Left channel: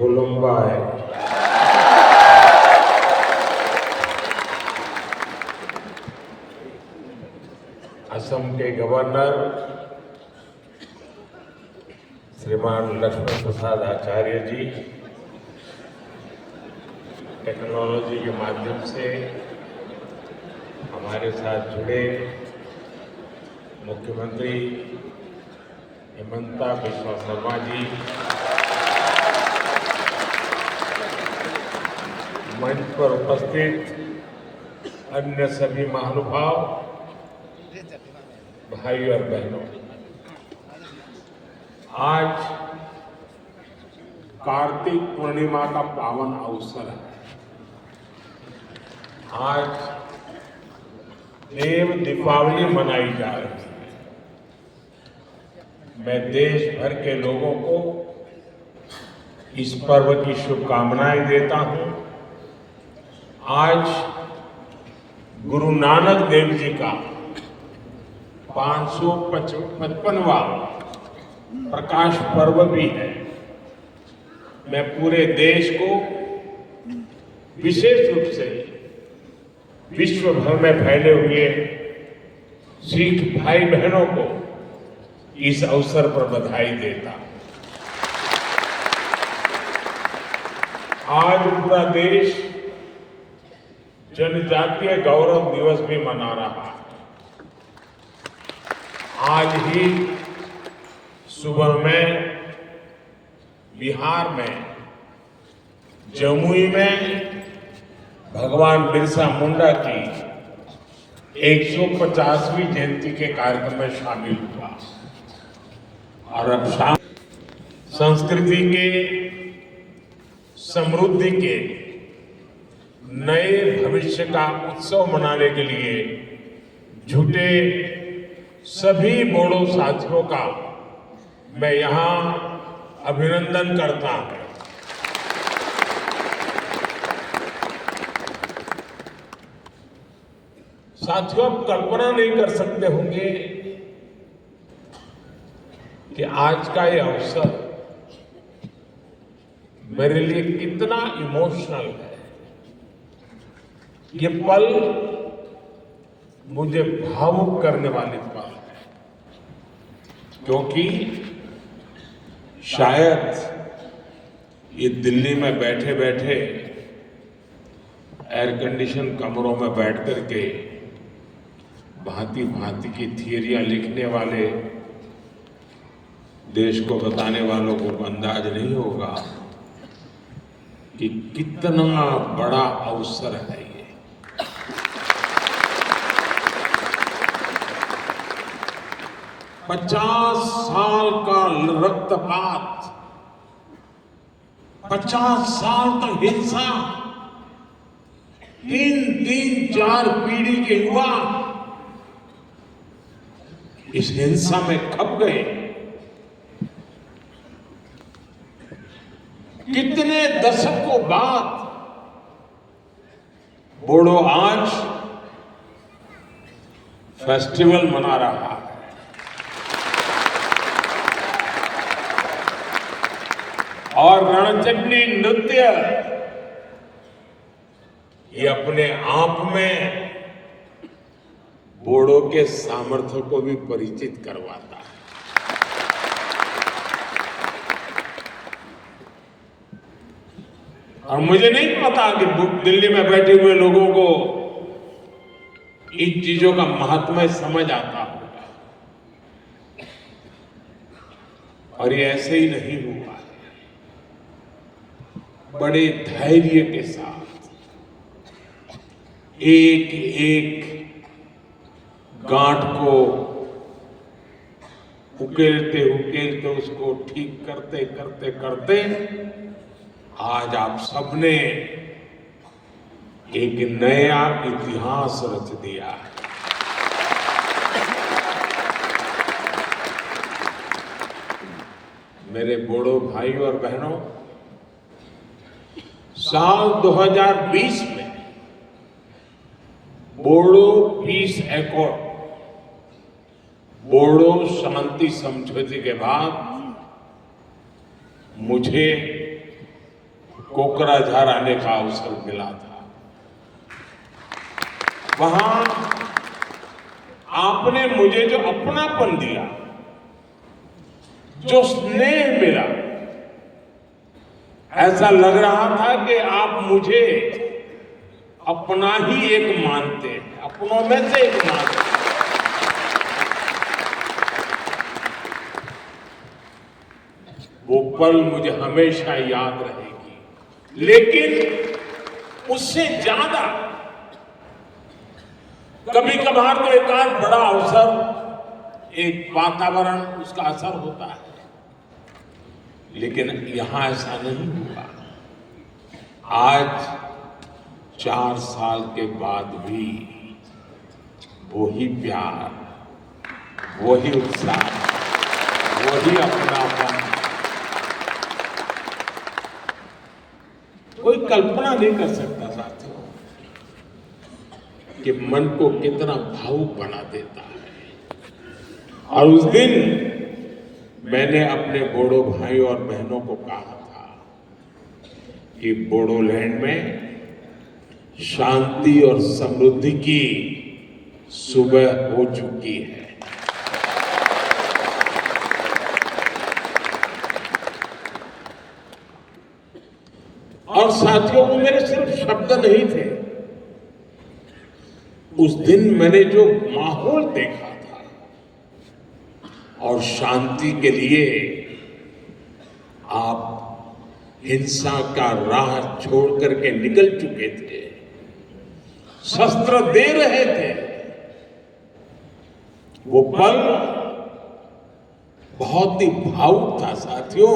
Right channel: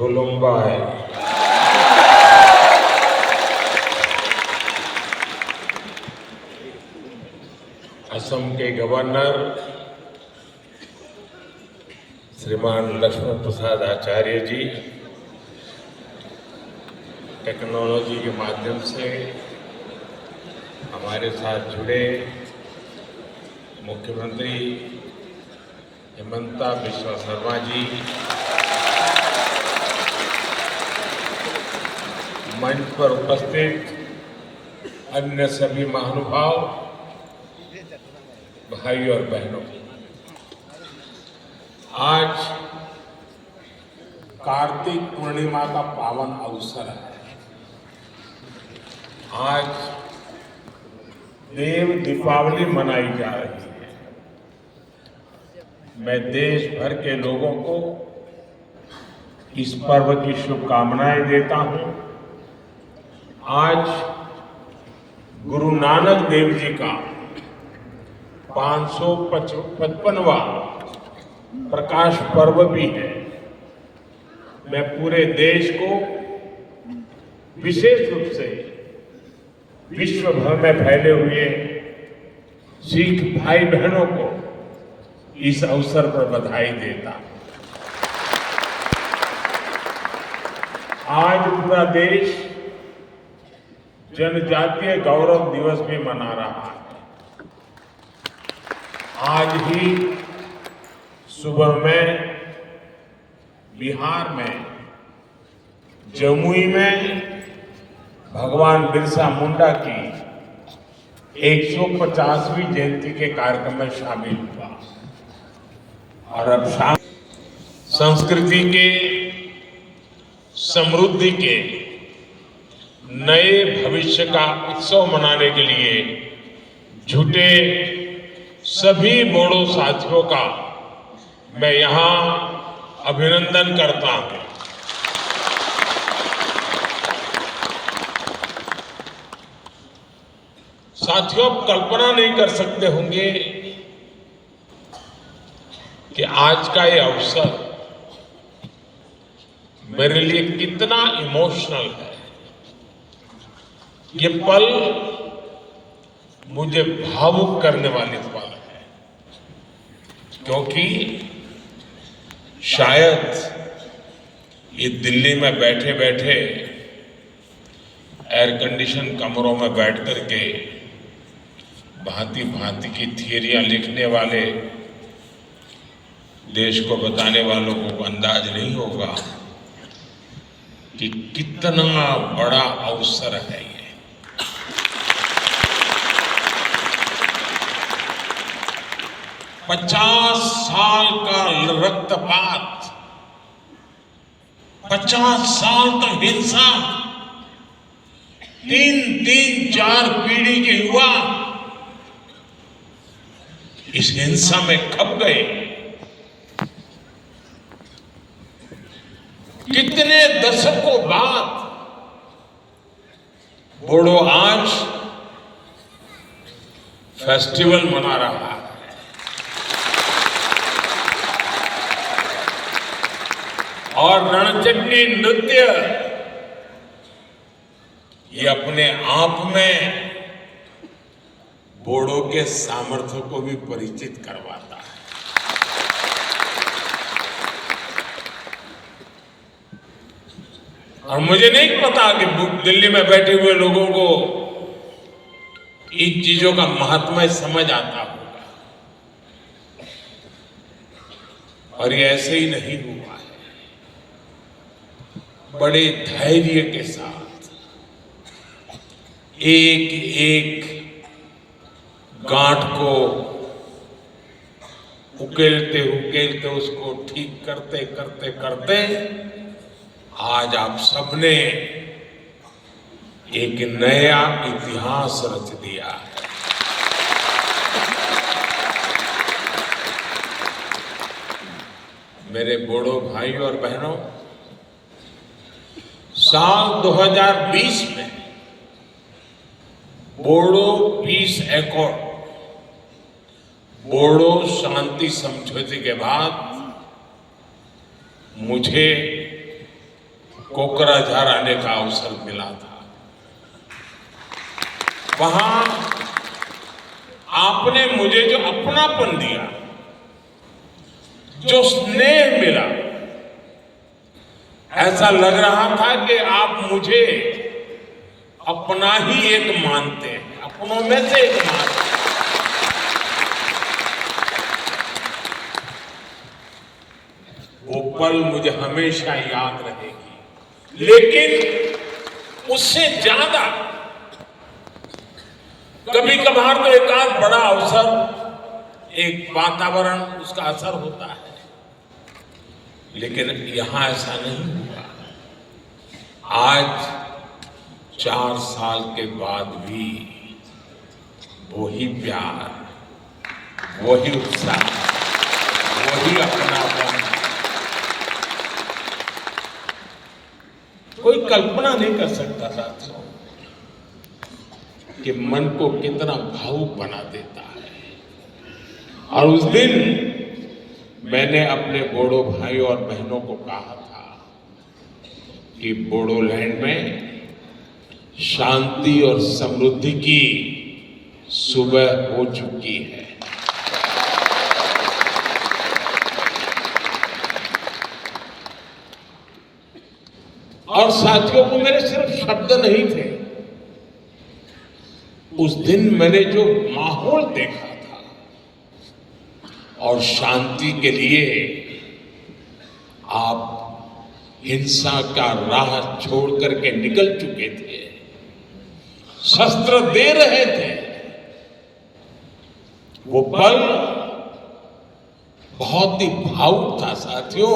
खुलुम्बाय। असम के गवर्नर श्रीमान लक्ष्मण प्रसाद आचार्य जी, टेक्नोलॉजी के माध्यम से हमारे साथ जुड़े मुख्यमंत्री हिमंता बिस्वा शर्मा जी, मंच पर उपस्थित अन्य सभी महानुभाव, भाई और बहनों, आज कार्तिक पूर्णिमा का पावन अवसर है। आज देव दीपावली मनाई जा रही है। मैं देश भर के लोगों को इस पर्व की शुभकामनाएं देता हूं। आज गुरु नानक देव जी का 555वां प्रकाश पर्व भी है। मैं पूरे देश को, विशेष रूप से विश्व भर में फैले हुए सिख भाई बहनों को इस अवसर पर बधाई देता हूं। आज पूरा देश जनजातीय गौरव दिवस भी मना रहा है। आज ही सुबह में बिहार में जमुई में भगवान बिरसा मुंडा की 150वीं जयंती के कार्यक्रम में शामिल हुआ और अब शाम संस्कृति के, समृद्धि के नए भविष्य का उत्सव मनाने के लिए जुटे सभी बोडो साथियों का मैं यहां अभिनंदन करता हूं। साथियों, आप कल्पना नहीं कर सकते होंगे कि आज का ये अवसर मेरे लिए कितना इमोशनल है। ये पल मुझे भावुक करने वाले पल है, क्योंकि शायद ये दिल्ली में बैठे बैठे एयर कंडीशन कमरों में बैठ करके भांति भांति की थियरियां लिखने वाले देश को बताने वालों को अंदाज नहीं होगा कि कितना बड़ा अवसर है ये। 50 साल का रक्तपात, 50 साल तक हिंसा, 3-4 पीढ़ी के युवा इस हिंसा में खप गए। कितने दशकों बाद बोडो आज फेस्टिवल मना रहा है। और रणचंडी नृत्य ये अपने आप में बोडो के सामर्थ्य को भी परिचित करवाता है। और मुझे नहीं पता कि दिल्ली में बैठे हुए लोगों को इन चीजों का महत्व समझ आता होगा, और ये ऐसे ही नहीं हुआ है। बड़े धैर्य के साथ एक एक गांठ को उकेलते उकेलते उसको ठीक करते करते करते आज आप सबने एक नया इतिहास रच दिया है। मेरे बोडो भाई और बहनों, साल 2020 में बोडो पीस एकॉर्ड, बोडो शांति समझौते के बाद मुझे कोकराझार आने का अवसर मिला था। वहां आपने मुझे जो अपनापन दिया, जो स्नेह मिला, ऐसा लग रहा था कि आप मुझे अपना ही एक मानते हैं, अपनों में से एक मानते हैं। वो पल मुझे हमेशा याद रहेगी। लेकिन उससे ज्यादा कभी कभार तो एक आध बड़ा अवसर, एक वातावरण, उसका असर होता है, लेकिन यहां ऐसा नहीं हुआ। आज 4 साल के बाद भी वही प्यार, वही उत्साह, वही अपनापन। कोई कल्पना नहीं कर सकता साथियों कि मन को कितना भावुक बना देता है। और उस दिन मैंने अपने बोडो भाइयों और बहनों को कहा था कि बोडोलैंड में शांति और समृद्धि की सुबह हो चुकी है। और साथियों को मेरे सिर्फ शब्द नहीं थे, उस दिन मैंने जो माहौल देखा था और शांति के लिए आप हिंसा का राह छोड़ करके निकल चुके थे, शस्त्र दे रहे थे, वो पल बहुत ही भावुक था साथियों।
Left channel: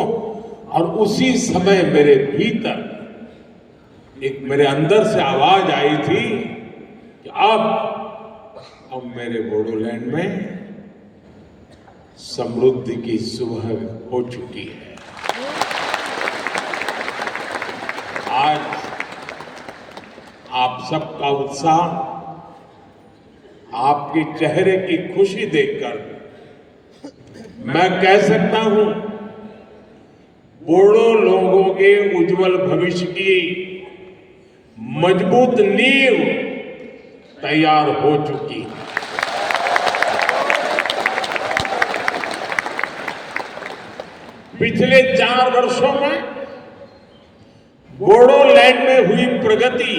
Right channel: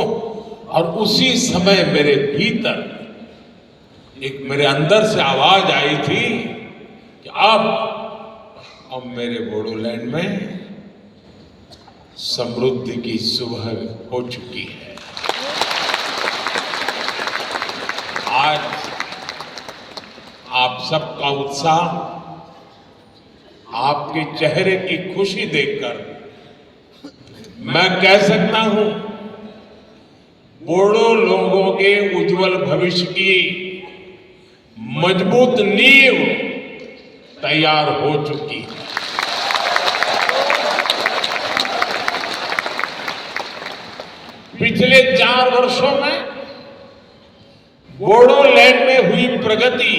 और उसी समय मेरे भीतर एक, मेरे अंदर से आवाज आई थी कि अब मेरे बोडोलैंड में समृद्धि की सुबह हो चुकी है। आज आप सबका उत्साह, आपके चेहरे की खुशी देखकर मैं कह सकता हूं बोडो लोगों के उज्जवल भविष्य की मजबूत नींव तैयार हो चुकी है। पिछले 4 वर्षों में बोडोलैंड में हुई प्रगति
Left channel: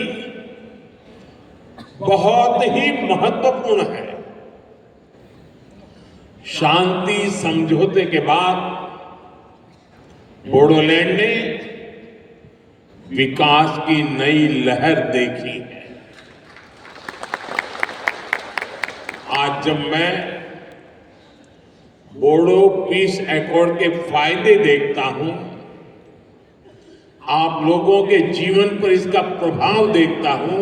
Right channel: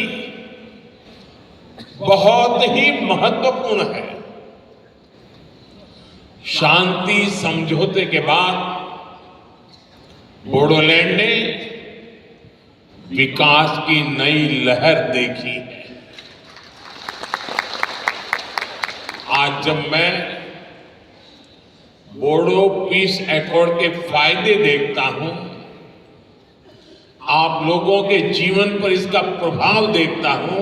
बहुत ही महत्वपूर्ण है। शांति समझौते के बाद बोडोलैंड ने विकास की नई लहर देखी है। आज जब मैं बोडो पीस एकॉर्ड के फायदे देखता हूं, आप लोगों के जीवन पर इसका प्रभाव देखता हूं,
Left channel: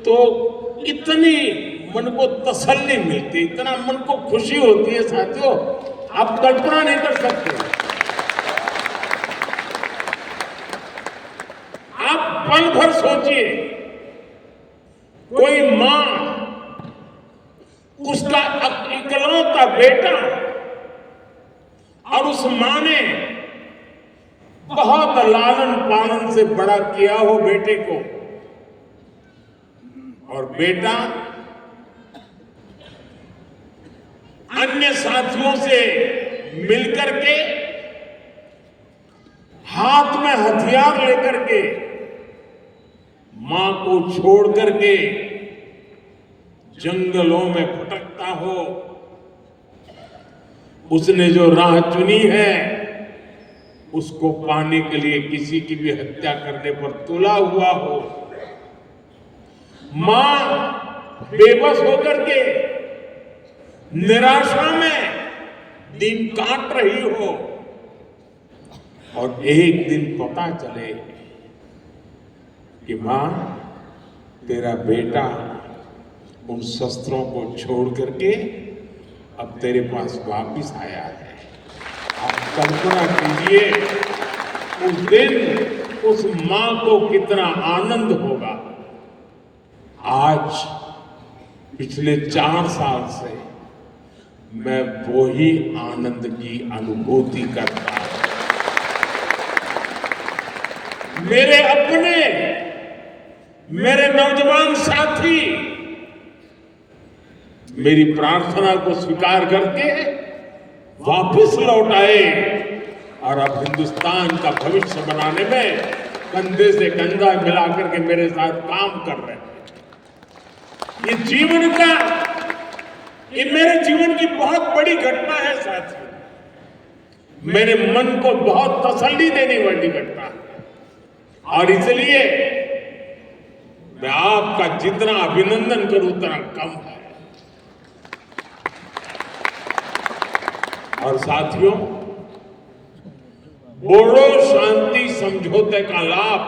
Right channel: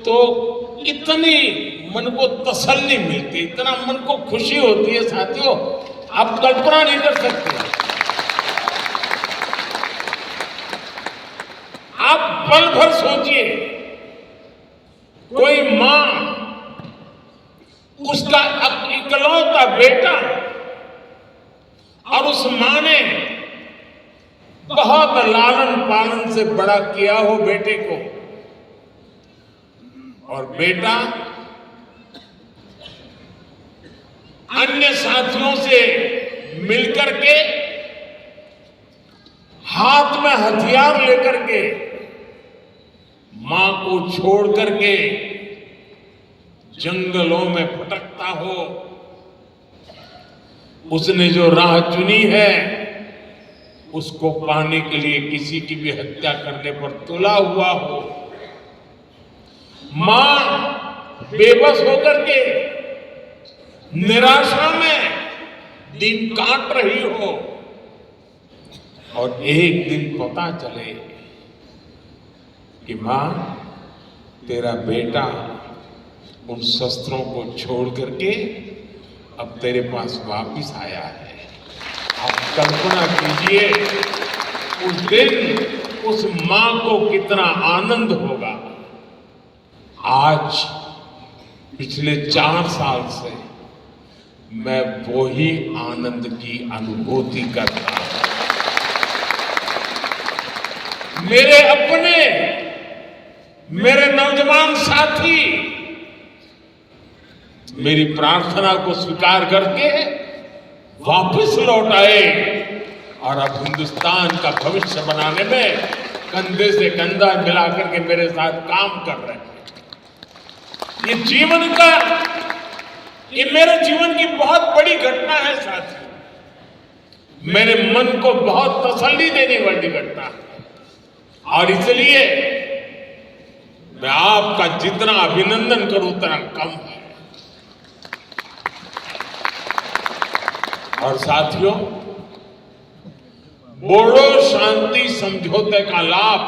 तो इतनी मन को तसल्ली मिलती, इतना मन को खुशी होती है साथियों, आप कल्पना नहीं कर सकते। आप पल भर सोचिए, कोई मां उसका इकलौता बेटा, और उस मां ने बहुत लालन पालन से बड़ा किया हो बेटे को, और बेटा अन्य साथियों से मिलकर के हाथ में हथियार लेकर के मां को छोड़ करके जंगलों में भटकता हो, उसने जो राह चुनी है उसको पाने के लिए किसी की भी हत्या करने पर तुला हुआ हो, मां बेबस होकर के निराशा में दिन काट रही हो, और एक दिन पता चले कि मां तेरा बेटा उन शस्त्रों को छोड़ करके अब तेरे पास वापिस आया है। आप कल्पना कीजिए उस दिन उस मां को कितना आनंद होगा। आज पिछले 4 साल से मैं वो ही आनंद की अनुभूति करता हूं। मेरे अपने, मेरे नौजवान साथी मेरी प्रार्थना को स्वीकार करके वापस लौट आए और अब हिंदुस्तान का भविष्य बनाने में कंधे से कंधा मिलाकर के मेरे साथ काम कर रहे हैं। ये मेरे जीवन की बहुत बड़ी घटना है साथियों। मेरे मन को बहुत तसल्ली देने वाली घटना है और इसलिए मैं आपका जितना अभिनंदन करूं उतना कम है। और साथियों, बोडो शांति समझौते का लाभ